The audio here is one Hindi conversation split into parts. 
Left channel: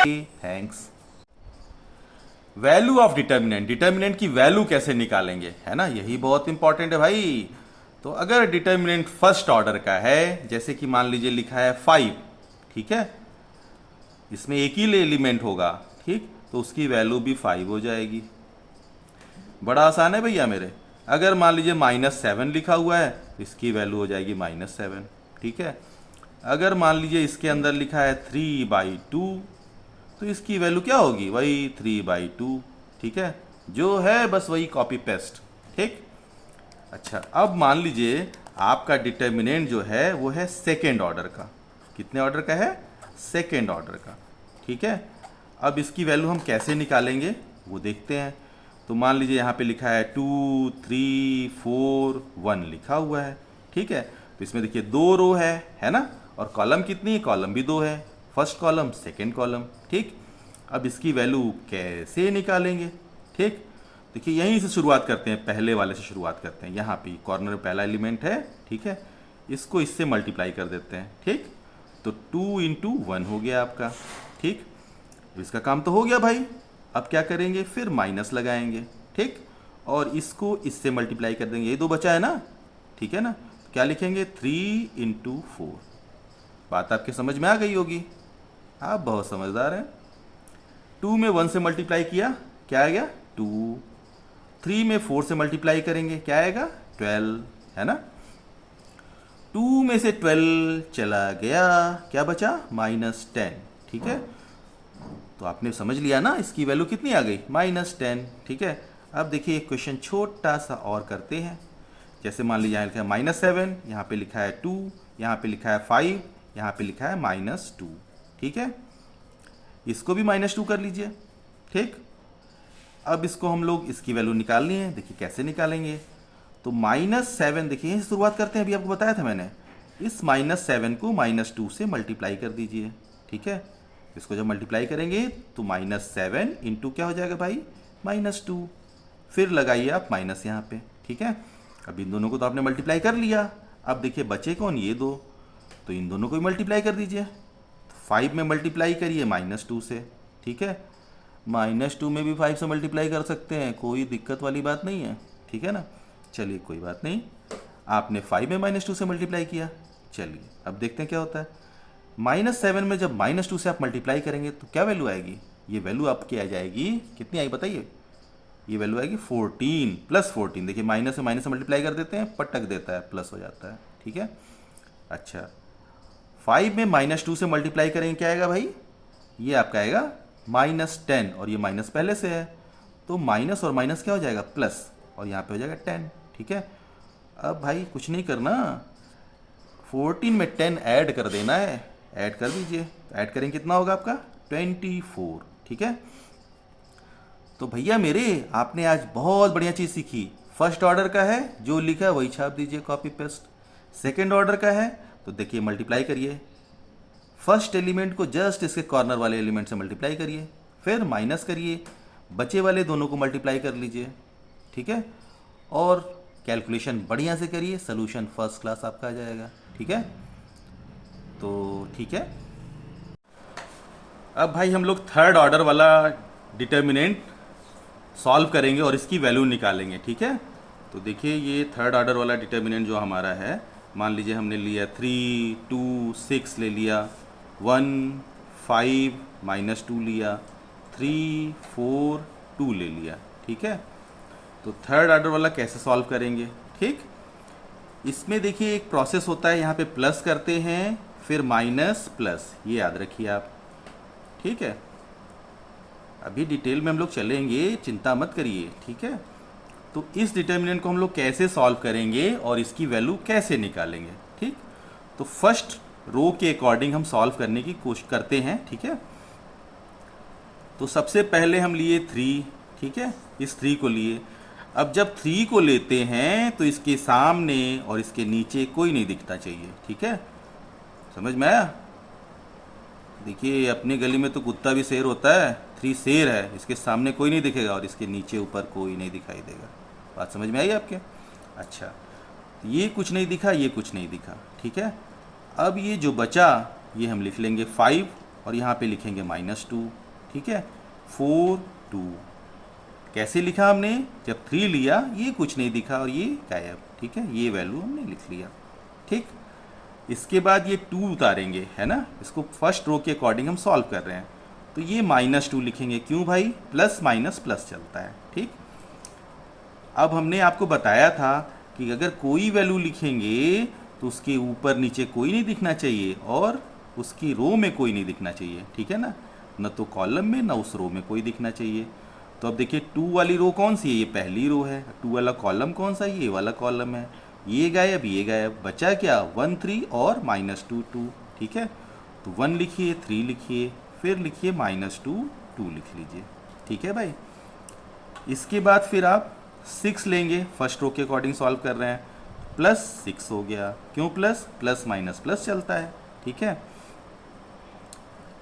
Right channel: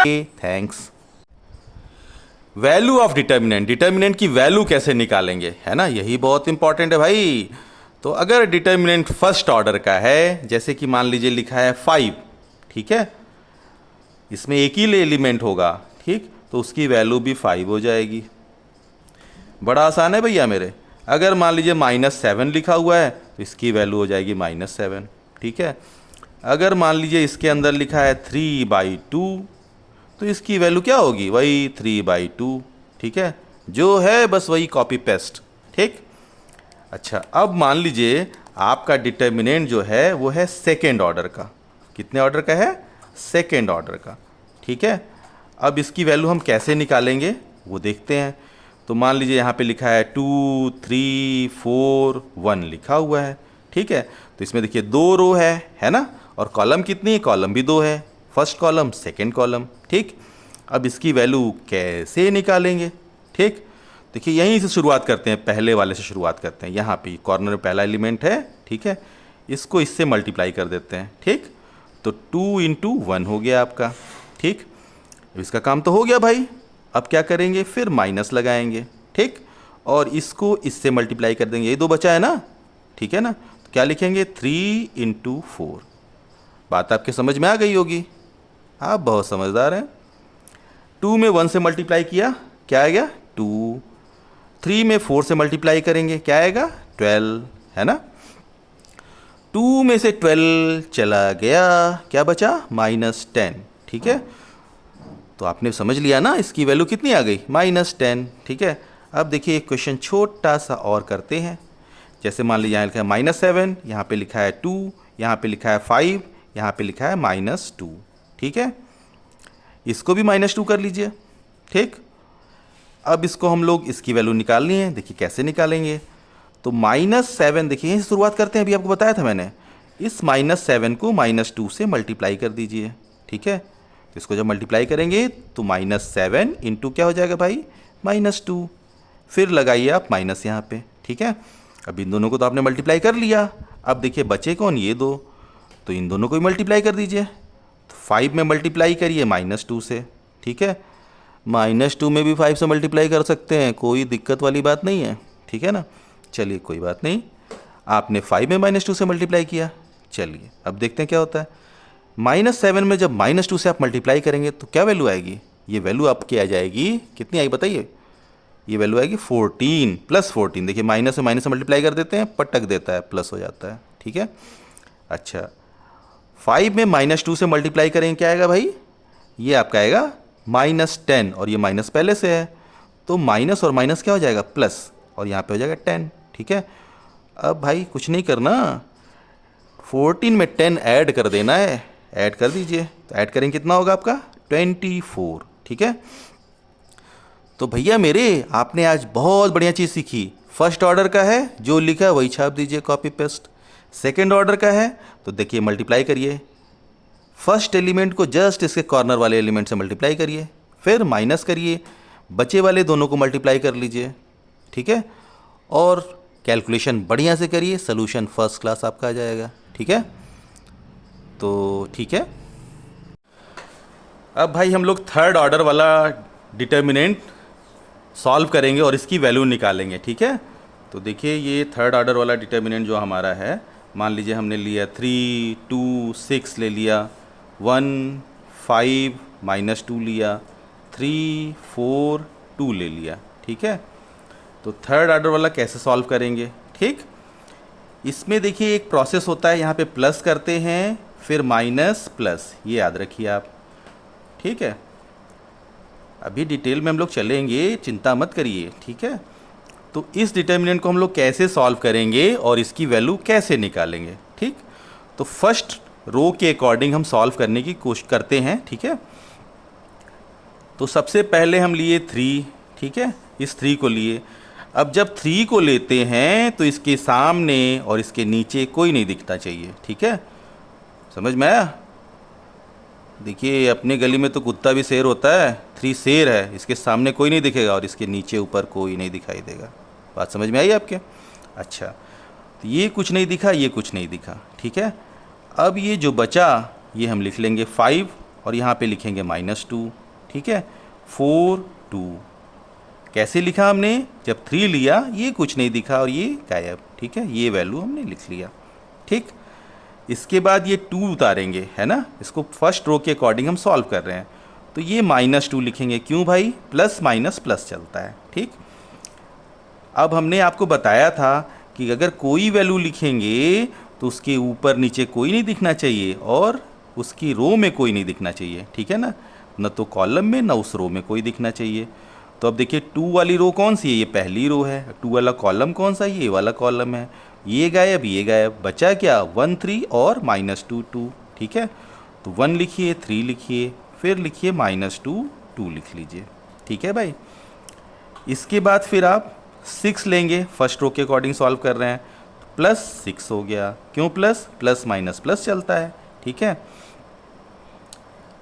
Thanks. Value of determinant, determinant की वैल्यू कैसे निकालेंगे, है ना, यही बहुत इंपॉर्टेंट है भाई। तो अगर डिटर्मिनेंट फर्स्ट ऑर्डर का है, जैसे कि मान लीजिए लिखा है 5, ठीक है, इसमें एक ही एलिमेंट होगा, ठीक, तो उसकी वैल्यू भी 5 हो जाएगी। बड़ा आसान है भैया मेरे। अगर मान लीजिए -7 लिखा हुआ है तो इसकी वैल्यू हो जाएगी -7, ठीक है। अगर मान लीजिए इसके अंदर लिखा है 3/2 तो इसकी वैल्यू क्या होगी, वही 3/2, ठीक है, जो है बस वही कॉपी पेस्ट, ठीक। अच्छा, अब मान लीजिए आपका डिटर्मिनेंट जो है वो है सेकेंड ऑर्डर का। कितने ऑर्डर का है, सेकेंड ऑर्डर का, ठीक है। अब इसकी वैल्यू हम कैसे निकालेंगे वो देखते हैं। तो मान लीजिए यहाँ पे लिखा है 2 3 4 1 लिखा हुआ है, ठीक है। तो इसमें देखिए 2 रो है ना, और कॉलम कितनी है, कॉलम भी 2 है, फर्स्ट कॉलम सेकेंड कॉलम, ठीक। अब इसकी वैल्यू कैसे निकालेंगे, ठीक। देखिए यहीं से शुरुआत करते हैं, पहले वाले से शुरुआत करते हैं। यहाँ पे कॉर्नर में पहला एलिमेंट है, ठीक है, इसको इससे मल्टीप्लाई कर देते हैं, ठीक। तो 2 × 1 हो गया आपका, ठीक। इसका काम तो हो गया भाई। अब क्या करेंगे, फिर माइनस लगाएंगे, ठीक, और इसको इससे मल्टीप्लाई कर देंगे, ये 2 बचा है ना, ठीक है ना। तो क्या लिखेंगे, 3 × 4। बात आपके समझ में आ गई होगी, आप बहुत समझदार हैं। 2 में 1 से मल्टीप्लाई किया, क्या आएगा 2। 3 में 4 से मल्टीप्लाई करेंगे, क्या आएगा 12, है ना। 2 में से 12 चला गया, क्या बचा -10, ठीक है। तो आपने समझ लिया ना, इसकी वैल्यू कितनी आ गई, -10, ठीक है। अब देखिए एक क्वेश्चन छोटा सा और करते हैं। जैसे मान लीजिए यहाँ लिखा है -7, यहाँ पे लिखा है 2, यहाँ पे लिखा है 5, यहाँ पे लिखा है -2, ठीक है। इसको भी -2 कर लीजिए, ठीक। अब इसको हम लोग इसकी वैल्यू निकालनी है, देखिए कैसे निकालेंगे। तो -7, देखिए यहीं से शुरुआत करते हैं, अभी आपको बताया था मैंने। इस -7 को -2 से मल्टीप्लाई कर दीजिए, ठीक है। तो इसको जब मल्टीप्लाई करेंगे तो -7 × क्या हो जाएगा भाई, -2। फिर लगाइए आप माइनस यहाँ पे, ठीक है। अब इन दोनों को तो आपने मल्टीप्लाई कर लिया। अब देखिए बचे कौन, ये 2, तो इन दोनों को ही मल्टीप्लाई कर दीजिए। तो 5 में मल्टीप्लाई करिए -2 से, ठीक है। -2 में भी 5 से मल्टीप्लाई कर सकते हैं, कोई दिक्कत वाली बात नहीं है, ठीक है ना। चलिए कोई बात नहीं, आपने 5 में -2 से मल्टीप्लाई किया। चलिए अब देखते हैं क्या होता है। -7 में जब -2 से आप मल्टीप्लाई करेंगे तो क्या वैल्यू आएगी, ये वैल्यू आपकी आ जाएगी, कितनी आई बताइए, ये वैल्यू आएगी 14 + 14। देखिए माइनस से मल्टीप्लाई कर देते हैं, पटक देता है, प्लस हो जाता है, ठीक है। अच्छा, 5 में -2 से मल्टीप्लाई करेंगे, क्या आएगा भाई, ये आपका आएगा -10, और ये माइनस पहले से है, तो माइनस और माइनस क्या हो जाएगा, प्लस, और यहाँ पे हो जाएगा 10, ठीक है। अब भाई कुछ नहीं करना, 14 में 10 ऐड कर देना है, ऐड कर दीजिए। तो ऐड करेंगे कितना होगा आपका 24, ठीक है। तो भैया मेरे, आपने आज बहुत बढ़िया चीज़ सीखी। फर्स्ट ऑर्डर का है, जो लिखा है वही छाप दीजिए, कॉपी पेस्ट। सेकेंड ऑर्डर का है तो देखिए मल्टीप्लाई करिए, फर्स्ट एलिमेंट को जस्ट इसके कॉर्नर वाले एलिमेंट से मल्टीप्लाई करिए, फिर माइनस करिए, बचे वाले दोनों को मल्टीप्लाई कर लीजिए, ठीक है। और कैलकुलेशन बढ़िया से करिए, सोल्यूशन फर्स्ट क्लास आपका आ जाएगा, ठीक है। तो ठीक है, अब भाई हम लोग थर्ड ऑर्डर वाला डिटर्मिनेंट सॉल्व करेंगे और इसकी वैल्यू निकालेंगे, ठीक है। तो देखिए ये थर्ड ऑर्डर वाला डिटर्मिनेंट जो हमारा है, मान लीजिए हमने लिया 3 2 6 ले लिया, 1 5 -2 लिया, 3 4 2 ले लिया, ठीक है। तो थर्ड ऑर्डर वाला कैसे सॉल्व करेंगे, ठीक। इसमें देखिए एक प्रोसेस होता है, यहाँ पे प्लस करते हैं, फिर माइनस प्लस, ये याद रखिए आप, ठीक है। अभी डिटेल में हम लोग चलेंगे, चिंता मत करिए, ठीक है। तो इस डिटर्मिनेंट को हम लोग कैसे सॉल्व करेंगे और इसकी वैल्यू कैसे निकालेंगे, ठीक। तो फर्स्ट रो के अकॉर्डिंग हम सॉल्व करने की कोशिश करते हैं, ठीक है। तो सबसे पहले हम लिए 3, ठीक है, इस 3 को लिए। अब जब 3 को लेते हैं तो इसके सामने और इसके नीचे कोई नहीं दिखना चाहिए, ठीक है, समझ में आया। देखिए अपने गली में तो कुत्ता भी शेर होता है, 3 शेर है, इसके सामने कोई नहीं दिखेगा और इसके नीचे ऊपर कोई नहीं दिखाई देगा। बात समझ में आई आपके। अच्छा, तो ये कुछ नहीं दिखा, ये कुछ नहीं दिखा, ठीक है। अब ये जो बचा ये हम लिख लेंगे 5, और यहाँ पे लिखेंगे -2, ठीक है। 4 2 कैसे लिखा हमने, जब 3 लिया ये कुछ नहीं दिखा और ये गायब, ठीक है, ये वैल्यू हमने लिख लिया, ठीक। इसके बाद ये 2 उतारेंगे, है ना, इसको फर्स्ट रो के अकॉर्डिंग हम सॉल्व कर रहे हैं, तो ये -2 लिखेंगे, क्यों भाई, प्लस माइनस प्लस चलता है, ठीक। अब हमने आपको बताया था कि अगर कोई वैल्यू लिखेंगे तो उसके ऊपर नीचे कोई नहीं दिखना चाहिए और उसकी रो में कोई नहीं दिखना चाहिए, ठीक है ना, न तो कॉलम में न उस रो में कोई दिखना चाहिए। तो अब देखिए 2 वाली रो कौन सी है, ये पहली रो है। 2 वाला कॉलम कौन सा है, ये वाला कॉलम है। ये गायब, बचा क्या, 1 3 और -2 2, ठीक है। तो 1 लिखिए, 3 लिखिए, फिर लिखिए -2 2 लिख लीजिए, ठीक है भाई। इसके बाद फिर आप 6 लेंगे, फर्स्ट रो के अकॉर्डिंग सॉल्व कर रहे हैं, +6 हो गया, क्यों प्लस माइनस प्लस चलता है, ठीक है।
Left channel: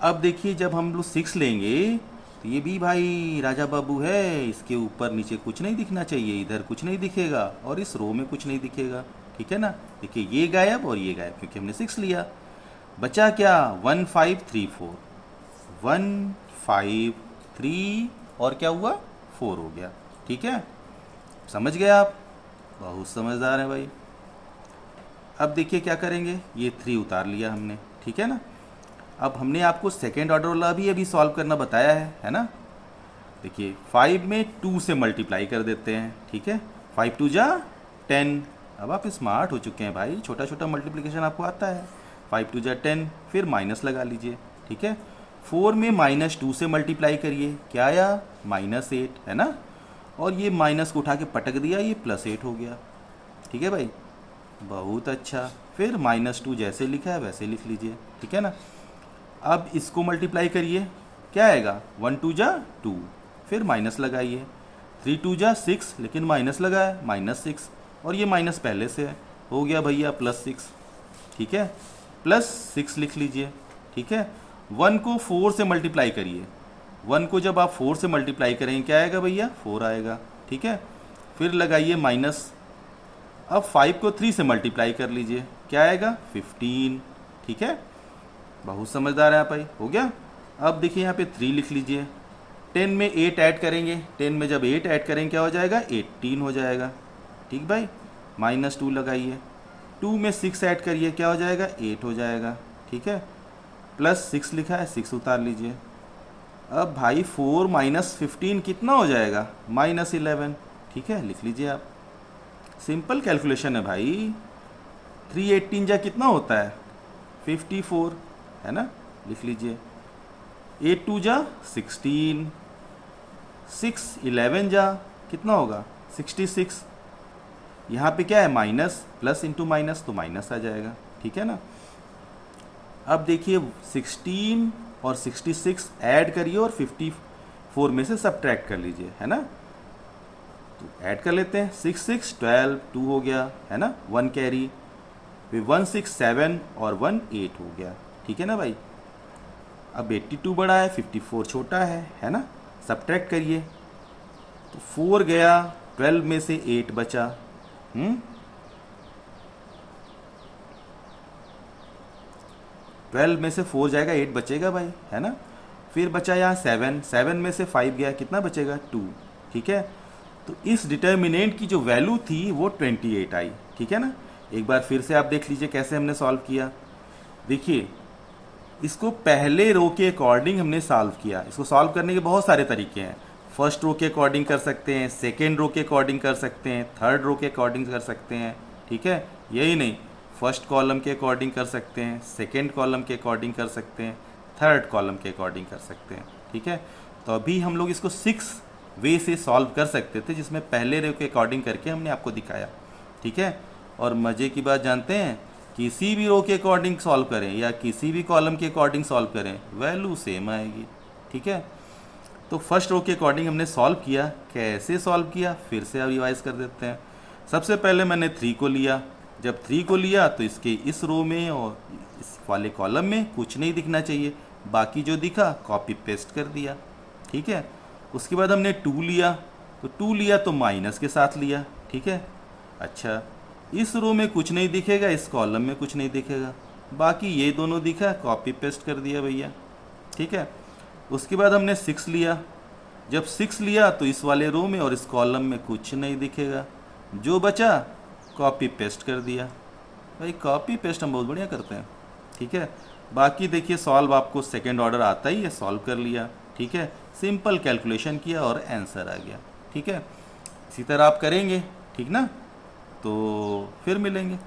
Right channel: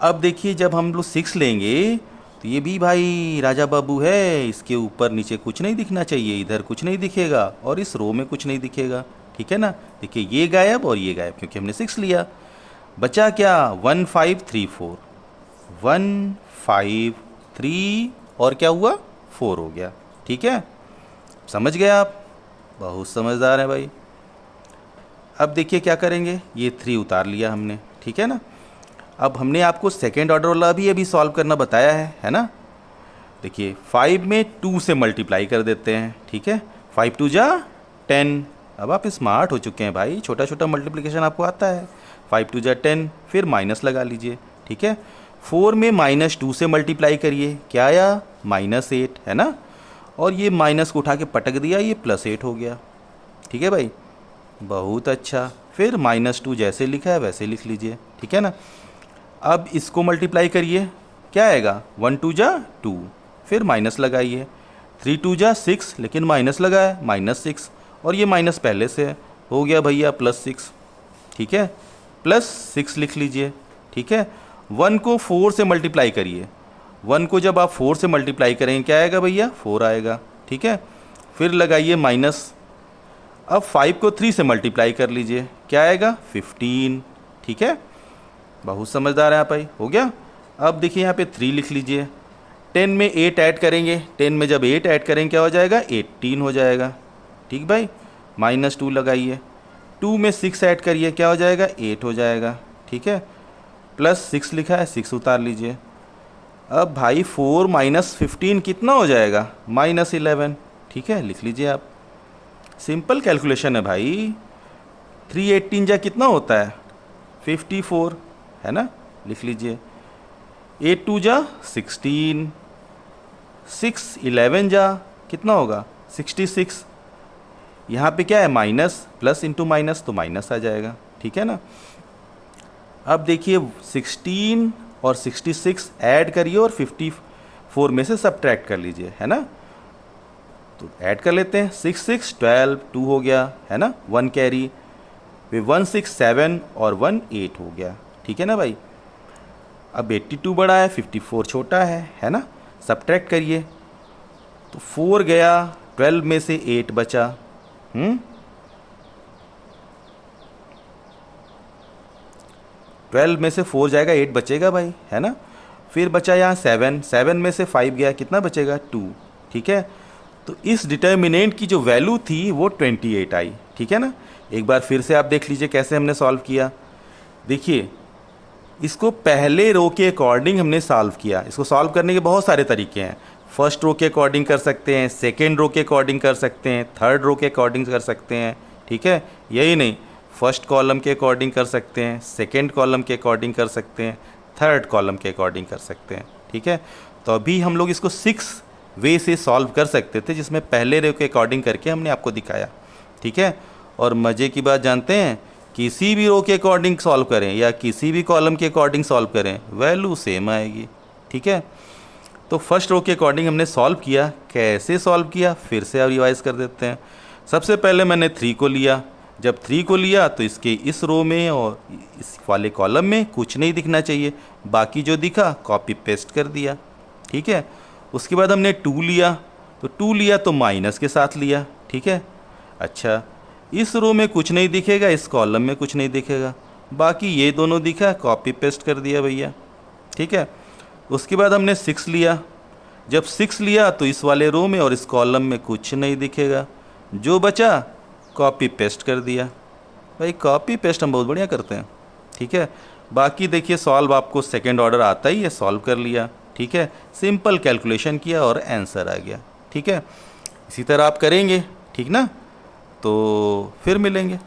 अब देखिए जब हम लोग 6 लेंगे तो ये भी भाई राजा बाबू है, इसके ऊपर नीचे कुछ नहीं दिखना चाहिए, इधर कुछ नहीं दिखेगा और इस रो में कुछ नहीं दिखेगा, ठीक है ना। देखिए ये गायब और ये गायब, क्योंकि हमने 6 लिया। बचा क्या, 1 5 3 4, 1 5 3 और क्या हुआ, 4 हो गया, ठीक है। समझ गए आप, बहुत समझदार है भाई। अब देखिए क्या करेंगे, ये 3 उतार लिया हमने, ठीक है ना। अब हमने आपको सेकेंड ऑर्डर वाला भी अभी सॉल्व करना बताया है ना। देखिए 5 में 2 से मल्टीप्लाई कर देते हैं, ठीक है, 5 2 जा 10। अब आप स्मार्ट हो चुके हैं भाई, छोटा छोटा मल्टीप्लिकेशन आपको आता है। 5 2 जा 10, फिर माइनस लगा लीजिए, ठीक है। 4 में -2 से मल्टीप्लाई करिए, क्या आया, -8, है ना। और ये माइनस को उठा के पटक दिया, ये +8 हो गया, ठीक है भाई, बहुत अच्छा। फिर -2 जैसे लिखा है वैसे लिख लीजिए, ठीक है ना। अब इसको मल्टीप्लाई करिए, क्या आएगा, 1 2 जा 2, फिर माइनस लगाइए, 3 2 जा 6, लेकिन माइनस लगाया, -6, और ये माइनस पहले से है, हो गया भैया +6, ठीक है, +6 लिख लीजिए, ठीक है। 1 को 4 से मल्टीप्लाई करिए, 1 को जब आप 4 से मल्टीप्लाई करेंगे क्या आएगा भैया, 4 आएगा, ठीक है। फिर लगाइए माइनस। अब 5 को 3 से मल्टीप्लाई कर लीजिए, क्या आएगा, 15, ठीक है, बहुत समझदार है आप भाई, हो गया। अब देखिए यहाँ पे 3 लिख लीजिए, 10 में 8 ऐड करेंगे, 10 में जब 8 ऐड करेंगे क्या हो जाएगा, 18 हो जाएगा, ठीक भाई, -2 लगाइए, 2 में 6 ऐड करिए, क्या हो जाएगा, 8 हो जाएगा, ठीक है, +6 लिखा है, 6 उतार लीजिए। अब भाई 4 - 15 कितना हो जाएगा, -11, ठीक है, लिख लीजिए आप, सिंपल कैलकुलेशन है भाई। 3 18 जा कितना होता है, 54, है ना, लिख लीजिए। 8 2 जा 16, 6 11 जा कितना होगा, 66। यहाँ पे क्या है, माइनस, प्लस इंटू माइनस, तो माइनस आ जाएगा, ठीक है ना। अब देखिए 16 और 66 ऐड करिए और 54 में से सब्ट्रैक्ट कर लीजिए, है ना। तो ऐड कर लेते हैं, 6 6 12, 2 हो गया, है ना, 1 कैरी, फिर 1 6 7 और 1 8 हो गया, ठीक है ना भाई। अब 82 बड़ा है, 54 छोटा है ना, सब्ट्रैक्ट करिए, तो 4 गया, 12 में से 8 बचा, 12 में से 4 जाएगा, 8 बचेगा भाई, है ना। फिर बचा यहाँ 7, 7 में से 5 गया, कितना बचेगा, 2, ठीक है। तो इस डिटर्मिनेंट की जो वैल्यू थी वो 28 आई, ठीक है ना। एक बार फिर से आप देख लीजिए कैसे हमने सॉल्व किया। देखिए इसको पहले रो के अकॉर्डिंग हमने सॉल्व किया। इसको सॉल्व करने के बहुत सारे तरीके हैं, फर्स्ट रो के अकॉर्डिंग कर सकते हैं, सेकेंड रो के अकॉर्डिंग कर सकते हैं, थर्ड रो के अकॉर्डिंग कर सकते हैं, ठीक है। यही नहीं, फर्स्ट कॉलम के अकॉर्डिंग कर सकते हैं, सेकेंड कॉलम के अकॉर्डिंग कर सकते हैं, थर्ड कॉलम के अकॉर्डिंग कर सकते हैं, ठीक है। तो अभी हम लोग इसको 6 वे से सॉल्व कर सकते थे, जिसमें पहले रो के अकॉर्डिंग करके हमने आपको दिखाया, ठीक है। और मज़े की बात जानते हैं, किसी भी रो के अकॉर्डिंग सॉल्व करें या किसी भी कॉलम के अकॉर्डिंग सॉल्व करें, वैल्यू सेम आएगी, ठीक है। तो फर्स्ट रो के अकॉर्डिंग हमने सॉल्व किया, कैसे सॉल्व किया फिर से अब रिवाइज कर देते हैं। सबसे पहले मैंने 3 को लिया, जब 3 को लिया तो इसके इस रो में और इस वाले कॉलम में कुछ नहीं दिखना चाहिए, बाकी जो दिखा कॉपी पेस्ट कर दिया, ठीक है। उसके बाद हमने 2 लिया, तो 2 लिया तो माइनस के साथ लिया, ठीक है। अच्छा, इस रो में कुछ नहीं दिखेगा, इस कॉलम में कुछ नहीं दिखेगा, बाकी ये दोनों दिखा, कॉपी पेस्ट कर दिया भैया, ठीक है। उसके बाद हमने 6 लिया। जब 6 लिया तो इस वाले रो में और इस कॉलम में कुछ नहीं दिखेगा, जो बचा कॉपी पेस्ट कर दिया। भाई कॉपी पेस्ट हम बहुत बढ़िया करते हैं, ठीक है। बाकी देखिए सॉल्व आपको सेकंड ऑर्डर आता ही है, सॉल्व कर लिया, ठीक है। सिंपल कैलकुलेशन किया और आंसर आ गया, ठीक है। इसी तरह आप करेंगे, ठीक ना। तो फिर मिलेंगे।